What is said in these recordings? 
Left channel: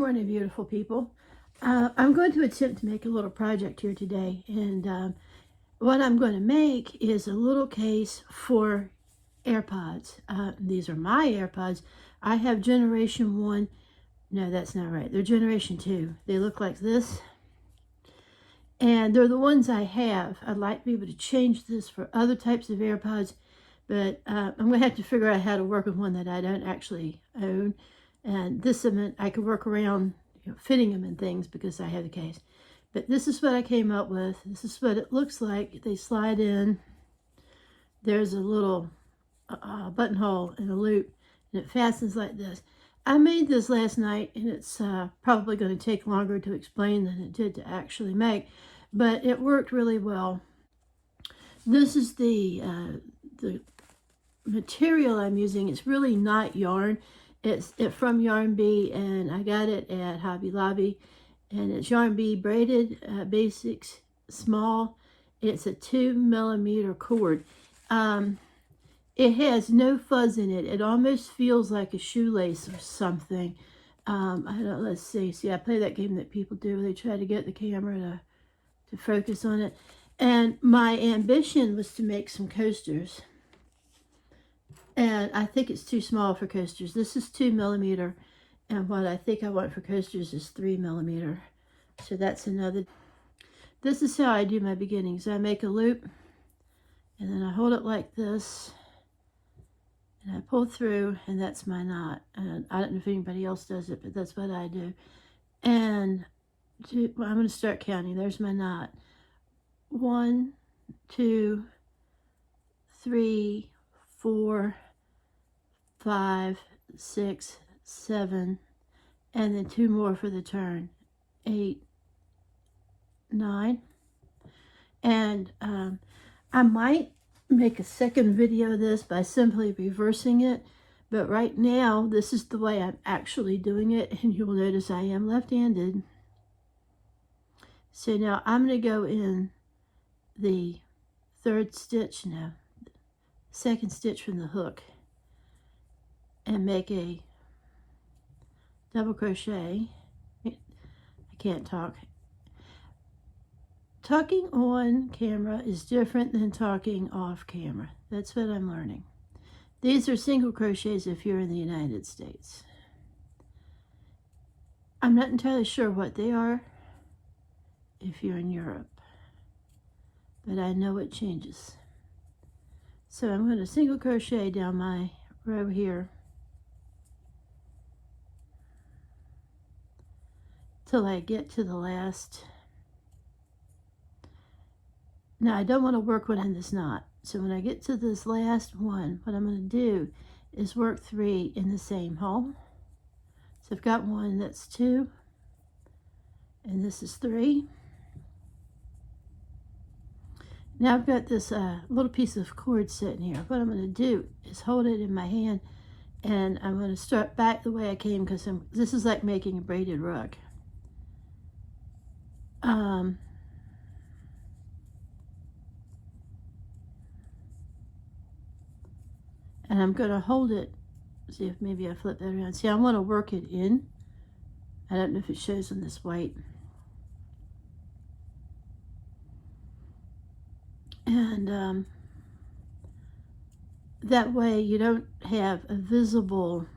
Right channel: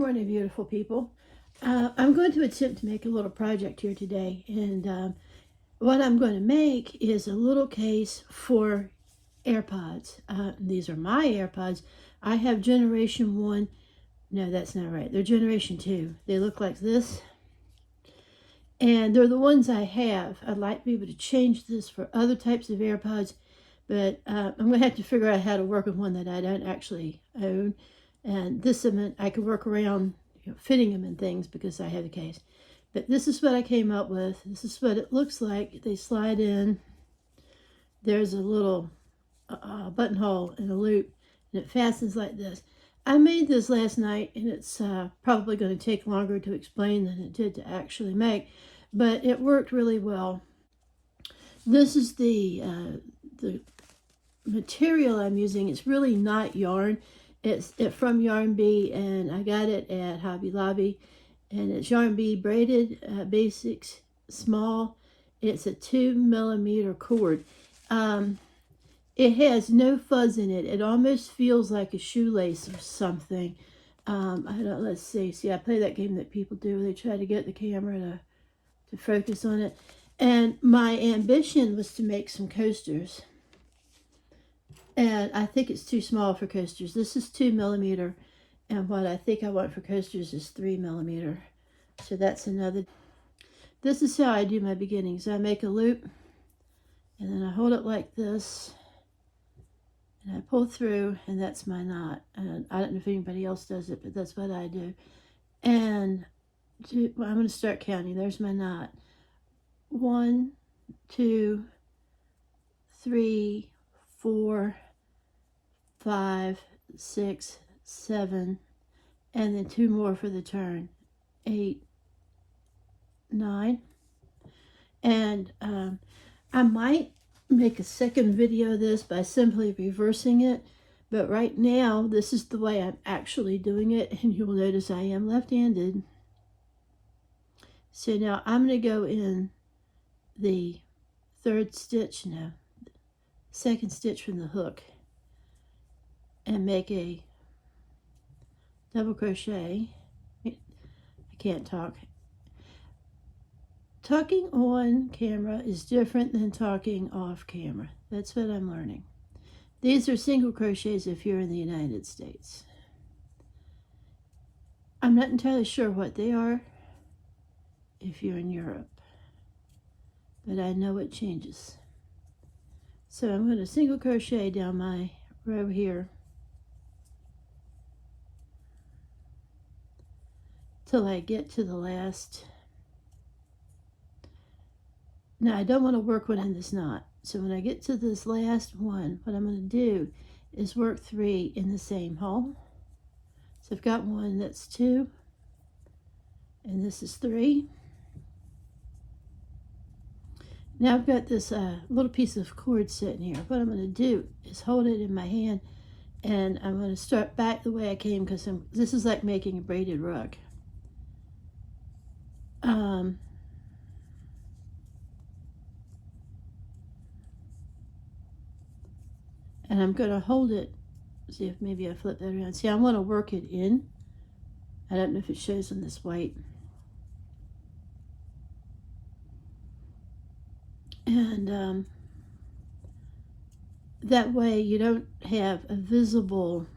morning, beautiful people. I'm going to attempt to make a little project here today, and what I'm going to make is a little case for AirPods. These are my AirPods. I have generation 1. No, that's not right. They're generation 2. They look like this, and they're the ones I have. I'd like to be able to change this for other types of AirPods, but I'm going to have to figure out how to work with one that I don't actually own. And this I could work around fitting them in things because I have the case. But this is what I came up with. This is what it looks like. They slide in. There's a little buttonhole and a loop, and it fastens like this. I made this last night, and it's probably going to take longer to explain than it did to actually make, but it worked really well. This is the material I'm using. It's really not yarn. It's from Yarn Bee, and I got it at Hobby Lobby, and it's Yarn Bee braided basics small. It's a 2mm cord. It has no fuzz in it. It almost feels like a shoelace or something. I don't. Let's see. See, I play that game that people do. They try to get the camera to focus on it. And my ambition was to make some coasters. And I think it's too small for coasters. This is 2mm, and what I think I want for coasters is 3mm. So that's another. This is how I do my beginnings. I make a loop, and then I hold it like this, and I pull through, and that's my knot. And I don't know if anybody else does it, but that's what I do. And well, I'm going to start counting. There's my knot. 1, 2, 3, 4, 5, 6, 7, and then 2 more for the turn. 8, 9. And I might make a second video of this by simply reversing it, but right now this is the way I'm actually doing it, and you will notice I am left-handed. So now I'm going to go in the third stitch now, second stitch from the hook, and make a double crochet. I can't talk. Talking on camera is different than talking off camera. That's what I'm learning. These are single crochets if you're in the United States. I'm not entirely sure what they are if you're in Europe, but I know it changes. So I'm going to single crochet down my row here till I get to the last. Now I don't want to work one in this knot, so when I get to this last one, what I'm going to do is work 3 in the same hole. So I've got 1, that's 2, and this is 3. Now I've got this little piece of cord sitting here. What I'm going to do is hold it in my hand, and I'm going to start back the way I came, because this is like making a braided rug. And I'm going to hold it. See if maybe I flip that around. See, I want to work it in. I don't know if it shows on this white. And that way you don't have a visible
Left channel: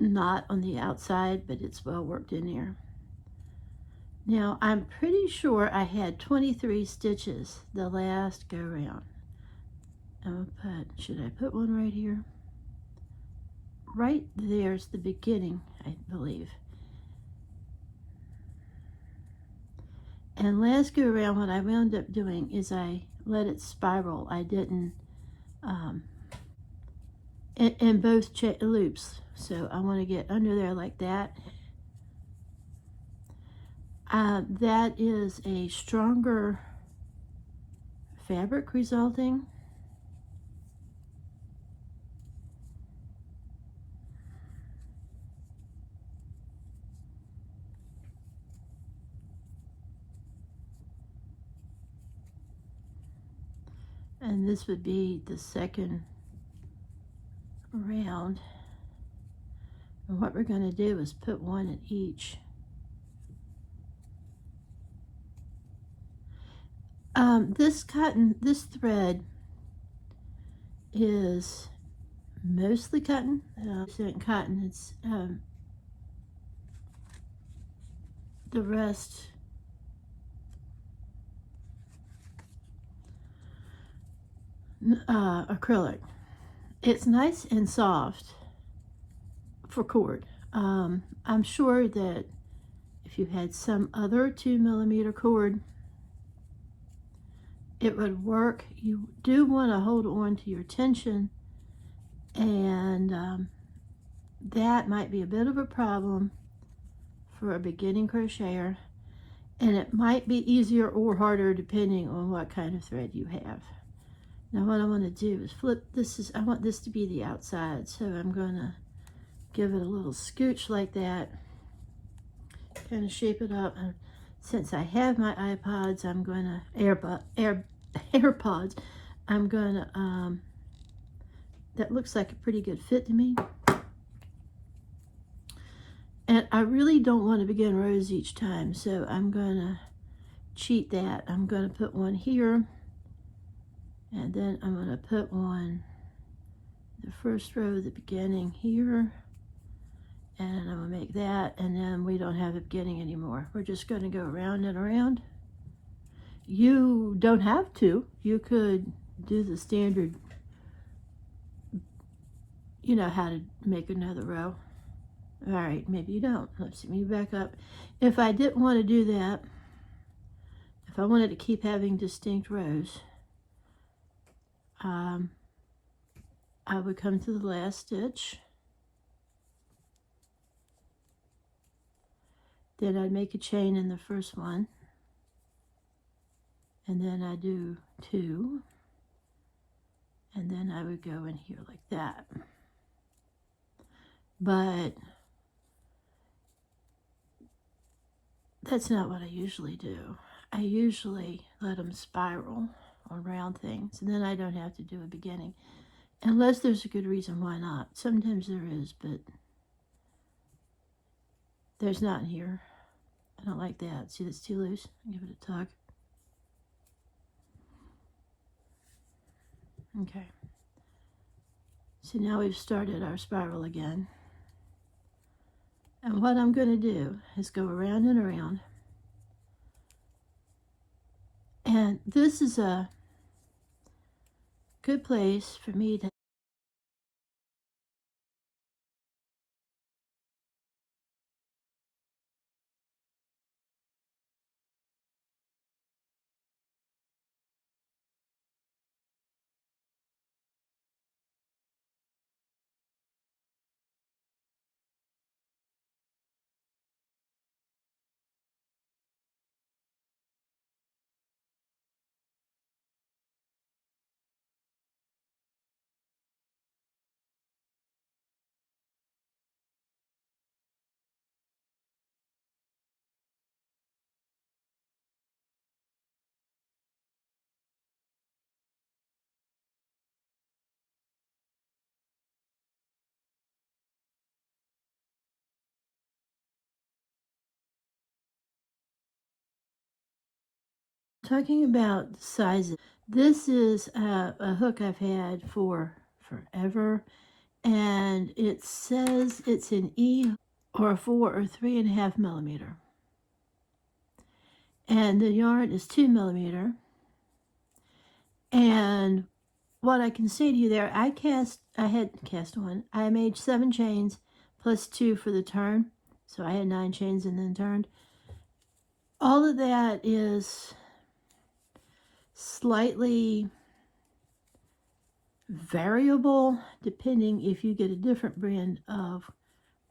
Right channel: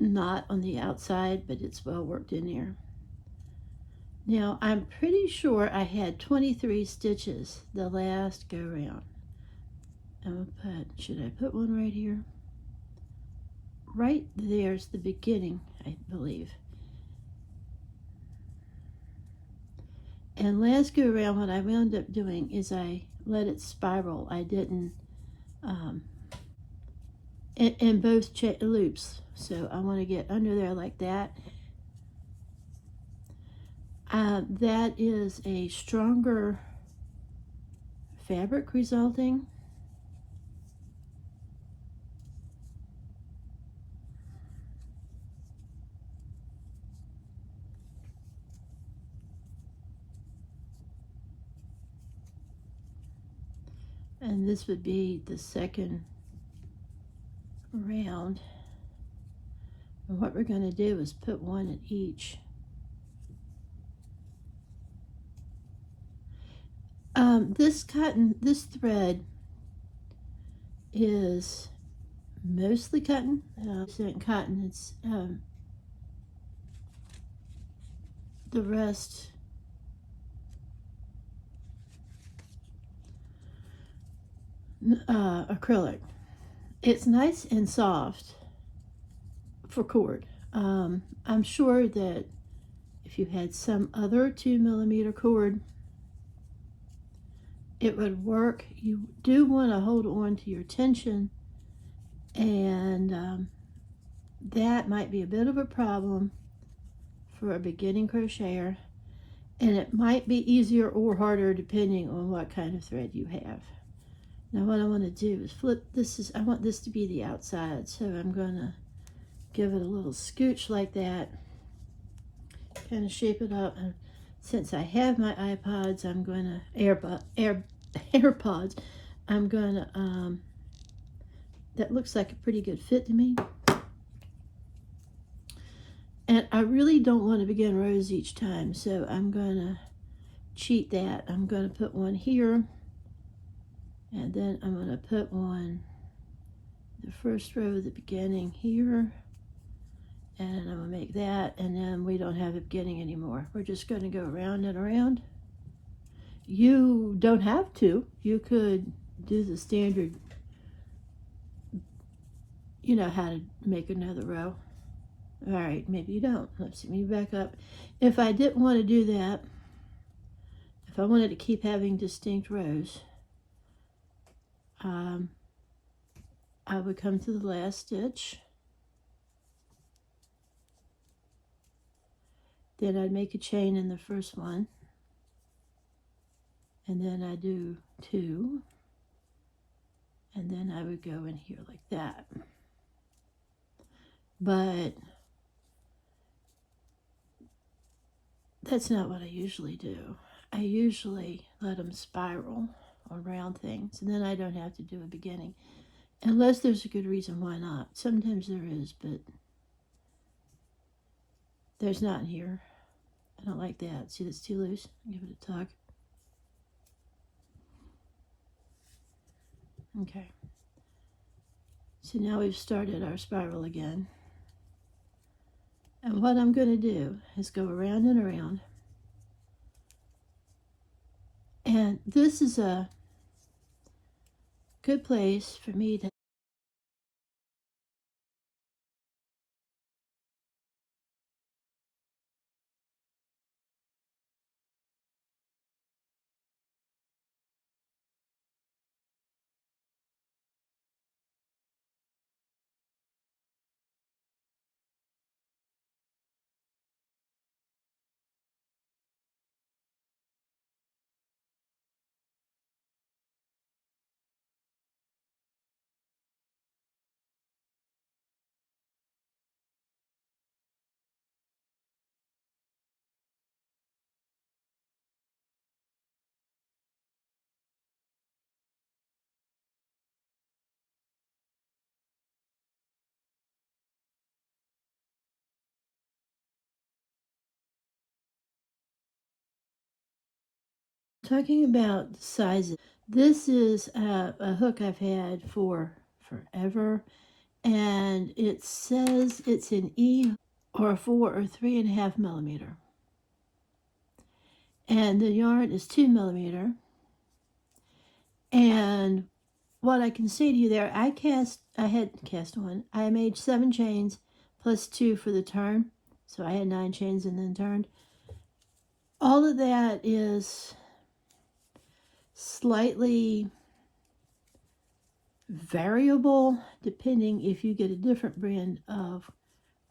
knot on the outside, but it's well worked in there. Now I'm pretty sure I had 23 stitches the last go round. Should I put one right here? Right there's the beginning, I believe. And last go around, what I wound up doing is I let it spiral. I didn't, in both loops. So I want to get under there like that. That is a stronger fabric resulting. And this would be the second round. And what we're going to do is put one in each. This thread is mostly cotton. Cotton. It's the rest acrylic. It's nice and soft for cord. I'm sure that if you had some other 2mm cord, it would work. You do want to hold on to your tension, and that might be a bit of a problem for a beginning crocheter, and it might be easier or harder depending on what kind of thread you have. Now what I want to do is flip this. I want this to be the outside, so I'm going to give it a little scooch like that, kind of shape it up. And since I have my iPods, I'm going to AirPods. I'm going to that looks like a pretty good fit to me. And I really don't want to begin rows each time, so I'm going to cheat that. I'm going to put one here, and then I'm going to put one the first row at the beginning here, and I'm going to make that, and then we don't have a beginning anymore. We're just going to go around and around. You don't have to. You could do the standard, you know how to make another row. All right, maybe you don't. Let's me back up. If I didn't want to do that, if I wanted to keep having distinct rows, I would come to the last stitch. Then I'd make a chain in the first one, and then I do 2, and then I would go in here like that. But that's not what I usually do. I usually let them spiral around things, and then I don't have to do a beginning. Unless there's a good reason why not. Sometimes there is, but there's not in here. I don't like that. See, that's too loose. Give it a tug. Okay. So now we've started our spiral again. And what I'm going to do is go around and around. And this is a good place for me to talking about sizes. This is a hook I've had for forever, and it says it's an E or a 4 or 3.5mm, and the yarn is 2mm. And what I can say to you there, I had cast one. I made 7 chains plus 2 for the turn, so I had 9 chains and then turned. All of that is slightly variable depending if you get a different brand of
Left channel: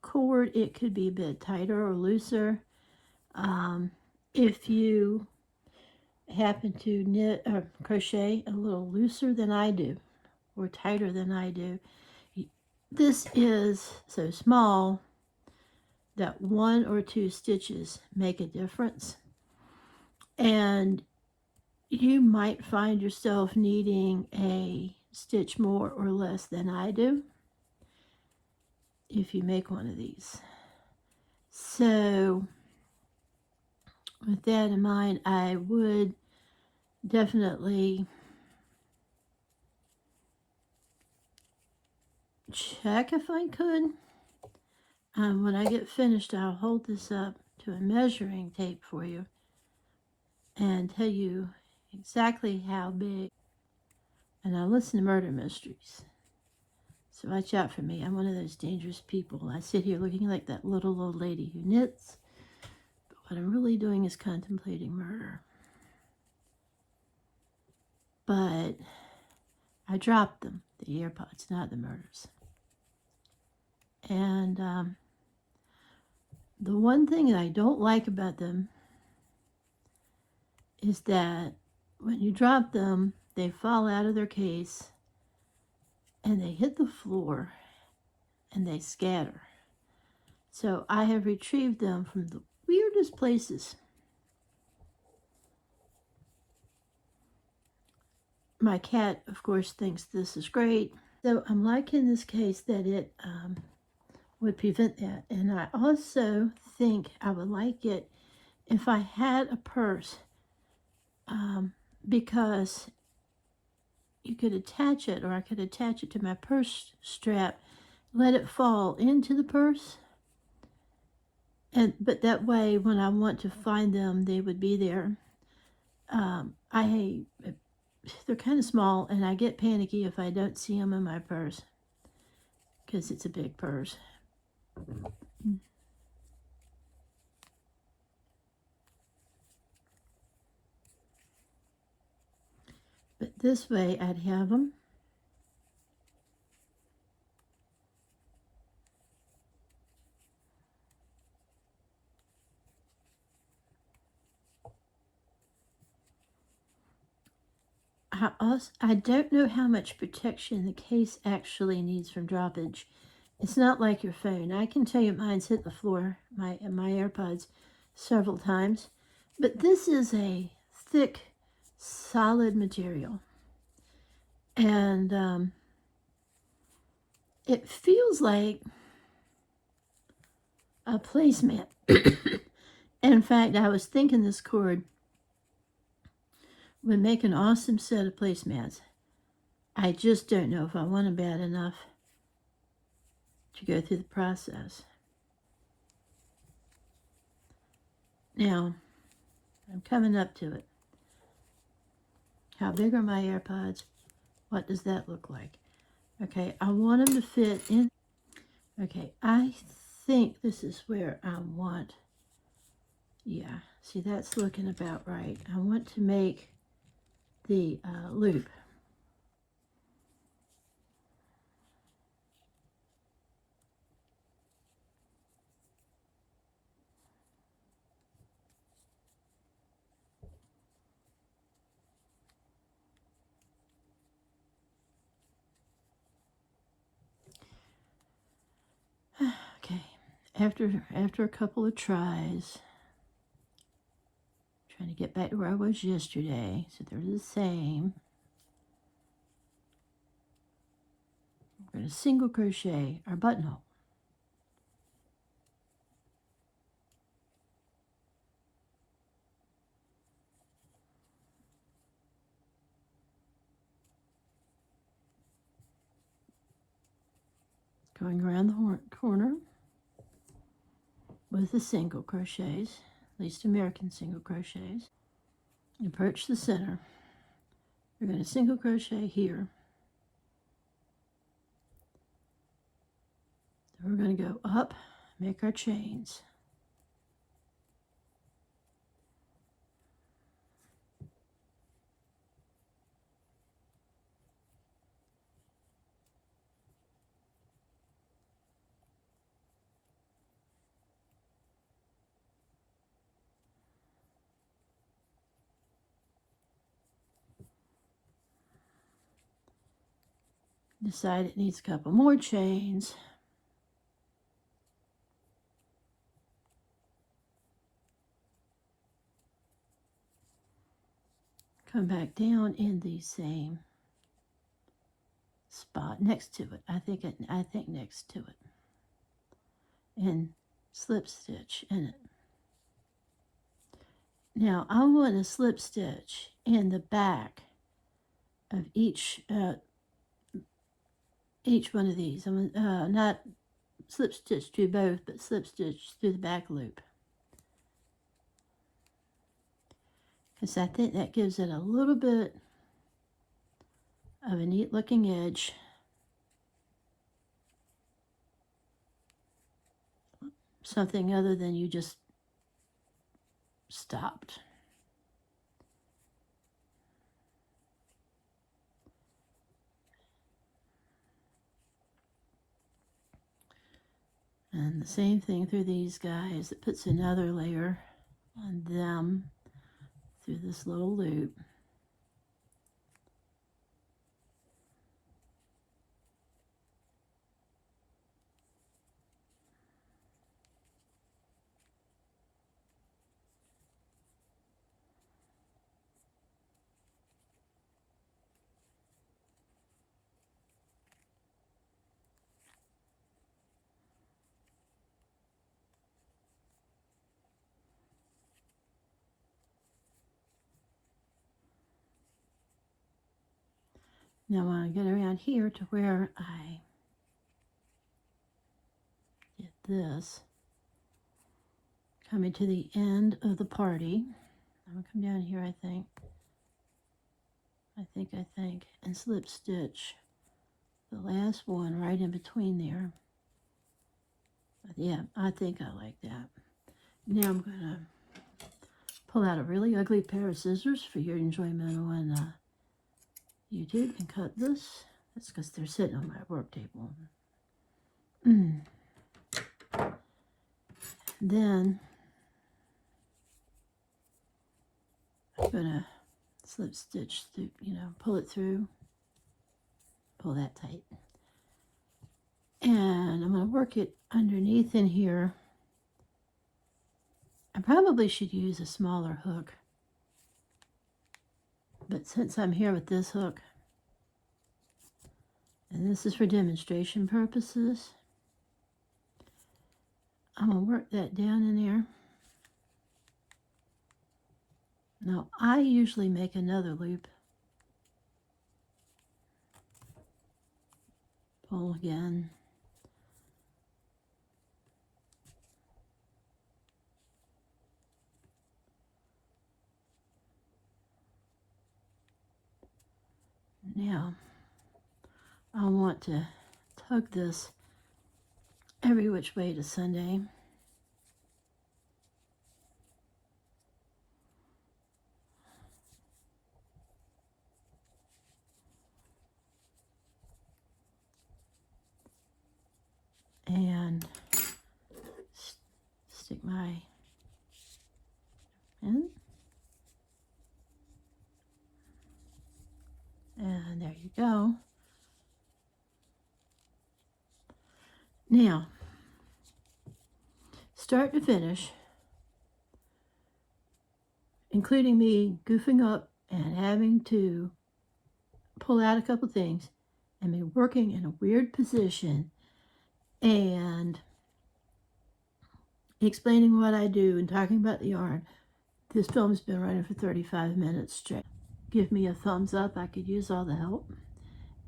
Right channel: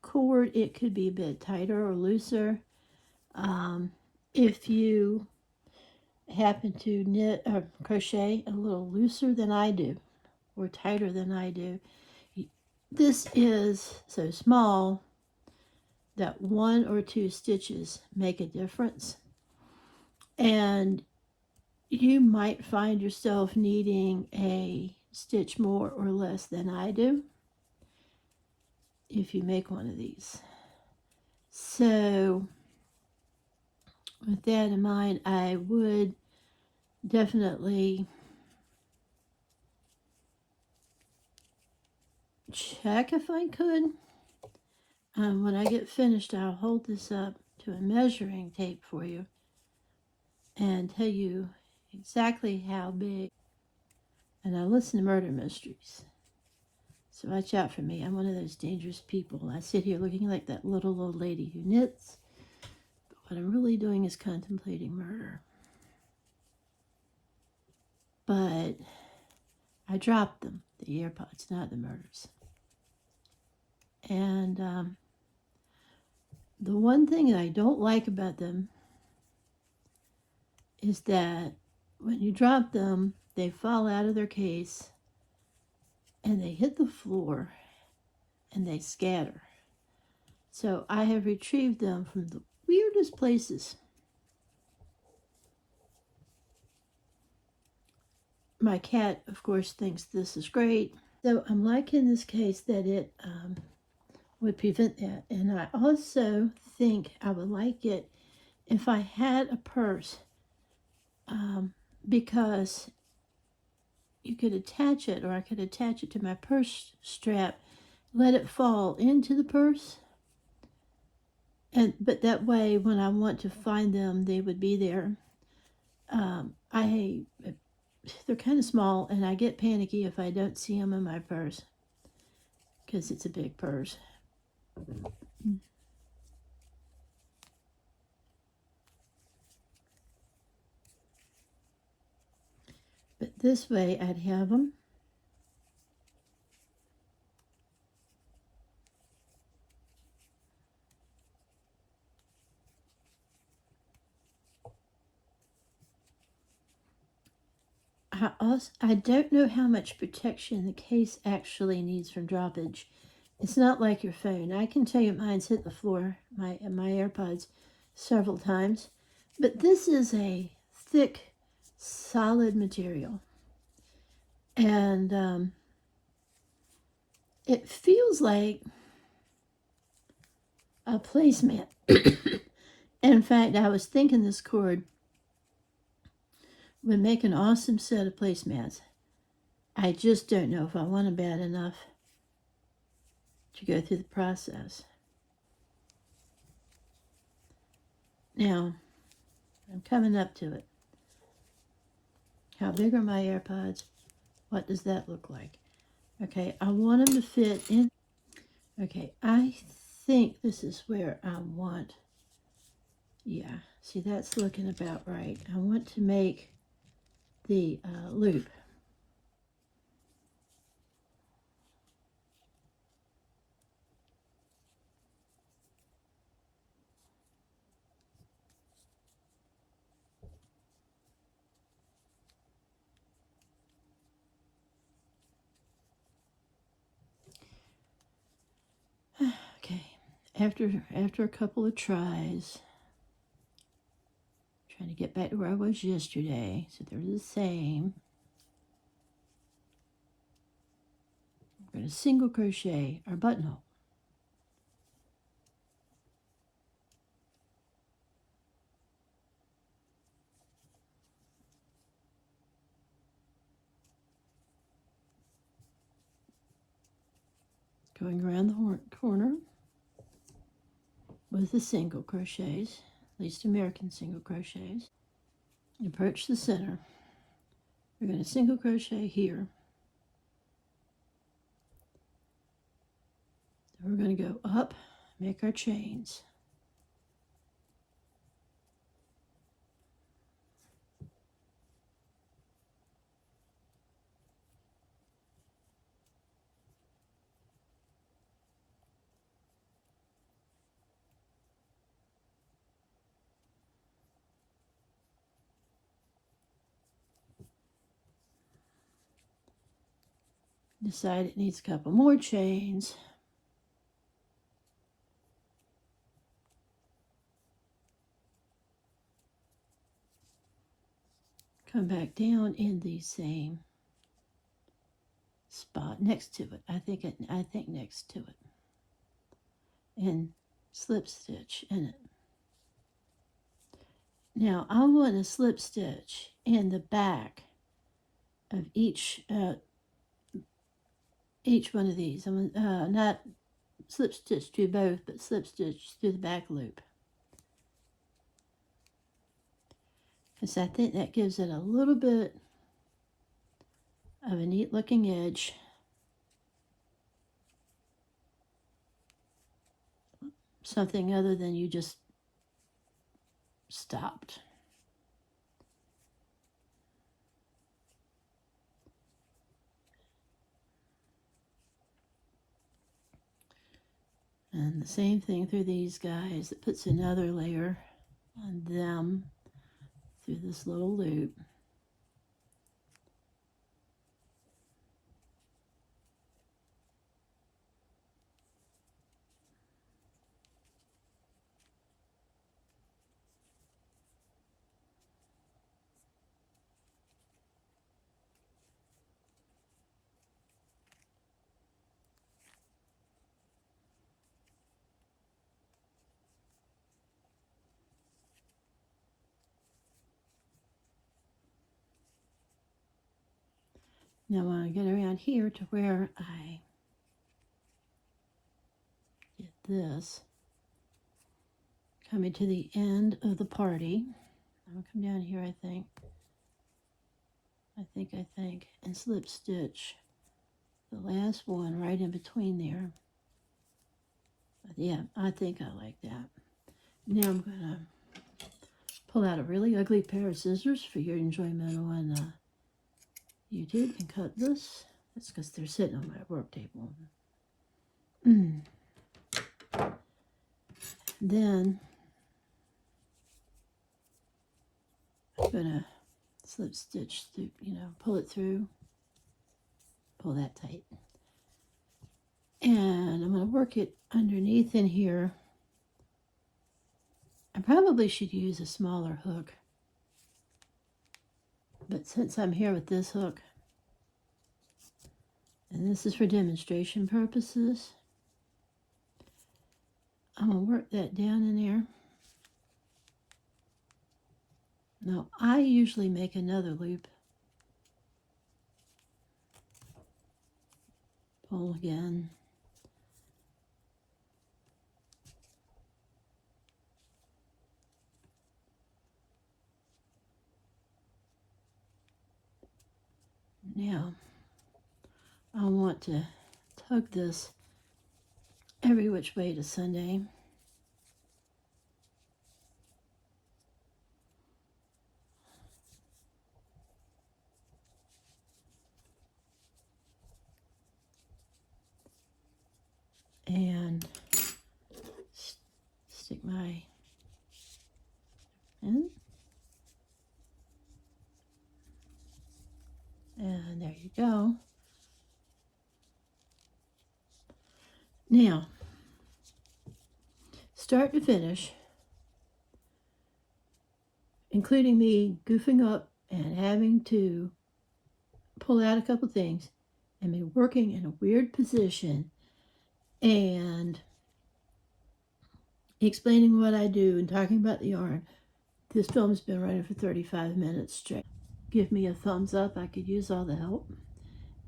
cord. It could be a bit tighter or looser. If you happen to knit or crochet a little looser than I do or tighter than I do, this is so small that 1 or 2 stitches make a difference, and you might find yourself needing a stitch more or less than I do. if you make one of these. So with that in mind, I would definitely check if I could. When I get finished, I'll hold this up to a measuring tape for you and tell you exactly how big. And I listen to murder mysteries. So watch out for me. I'm one of those dangerous people. I sit here looking like that little old lady who knits. But what I'm really doing is contemplating murder. But I dropped them, the AirPods, not the murders. And the one thing that I don't like about them is that when you drop them, they fall out of their case and they hit the floor and they scatter. So I have retrieved them from the weirdest places. My cat, of course, thinks this is great. So I'm liking this case that it would prevent that. And I also think I would like it if I had a purse, because you could attach it, or I could attach it to my purse strap, let it fall into the purse, but that way when I want to find them, they would be there. They're kind of small, and I get panicky if I don't see them in my purse because it's a big purse. But this way I'd have them. I don't know how much protection the case actually needs from droppage. It's not like your phone. I can tell you mine's hit the floor, my AirPods, several times. But this is a thick, solid material. And it feels like a placemat. In fact, I was thinking this cord would make an awesome set of placemats. I just don't know if I want it bad enough to go through the process. Now, I'm coming up to it. How big are my AirPods? What does that look like? Okay, I want them to fit in. Okay, I think this is where I want. Yeah, see, that's looking about right. I want to make the loop. Okay, after a couple of tries, trying to get back to where I was yesterday, so they're the same. We're going to single crochet our buttonhole. Going around the corner with the single crochets, at least American single crochets. Approach the center. We're going to single crochet here. Then we're going to go up, make our chains. Decide it needs a couple more chains. Come back down in the same spot next to it. I think next to it. and slip stitch in it. Now I'm going to slip stitch in the back of each one of these. I'm not slip stitch through both, but slip stitch through the back loop, because I think that gives it a little bit of a neat looking edge. Something other than you just stopped. And the same thing through these guys. It puts another layer on them through this little loop. Now when I get around here to where I get this, coming to the end of the party, I'm going to come down here, I think, and slip stitch the last one right in between there. But yeah, I think I like that. Now I'm going to pull out a really ugly pair of scissors for your enjoyment on YouTube and cut this. That's because they're sitting on my work table. Then I'm gonna slip stitch through, pull it through, pull that tight. And I'm gonna work it underneath in here. I probably should use a smaller hook, but since I'm here with this hook, and this is for demonstration purposes, I'm gonna work that down in there. Now I usually make another loop. Pull again. Now I want to tug this every which way to Sunday. And stick my in. And there you go. Now, start to finish, including me goofing up and having to pull out a couple things and me working in a weird position and explaining what I do and talking about the yarn. This film's been running for 35 minutes straight. Give me a thumbs up. I could use all the help.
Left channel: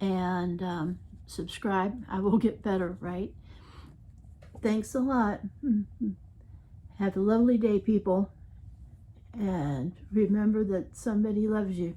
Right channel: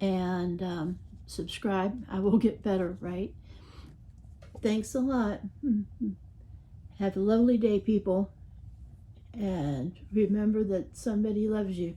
And subscribe. I will get better, right? Thanks a lot. Have a lovely day, people. And remember that somebody loves you.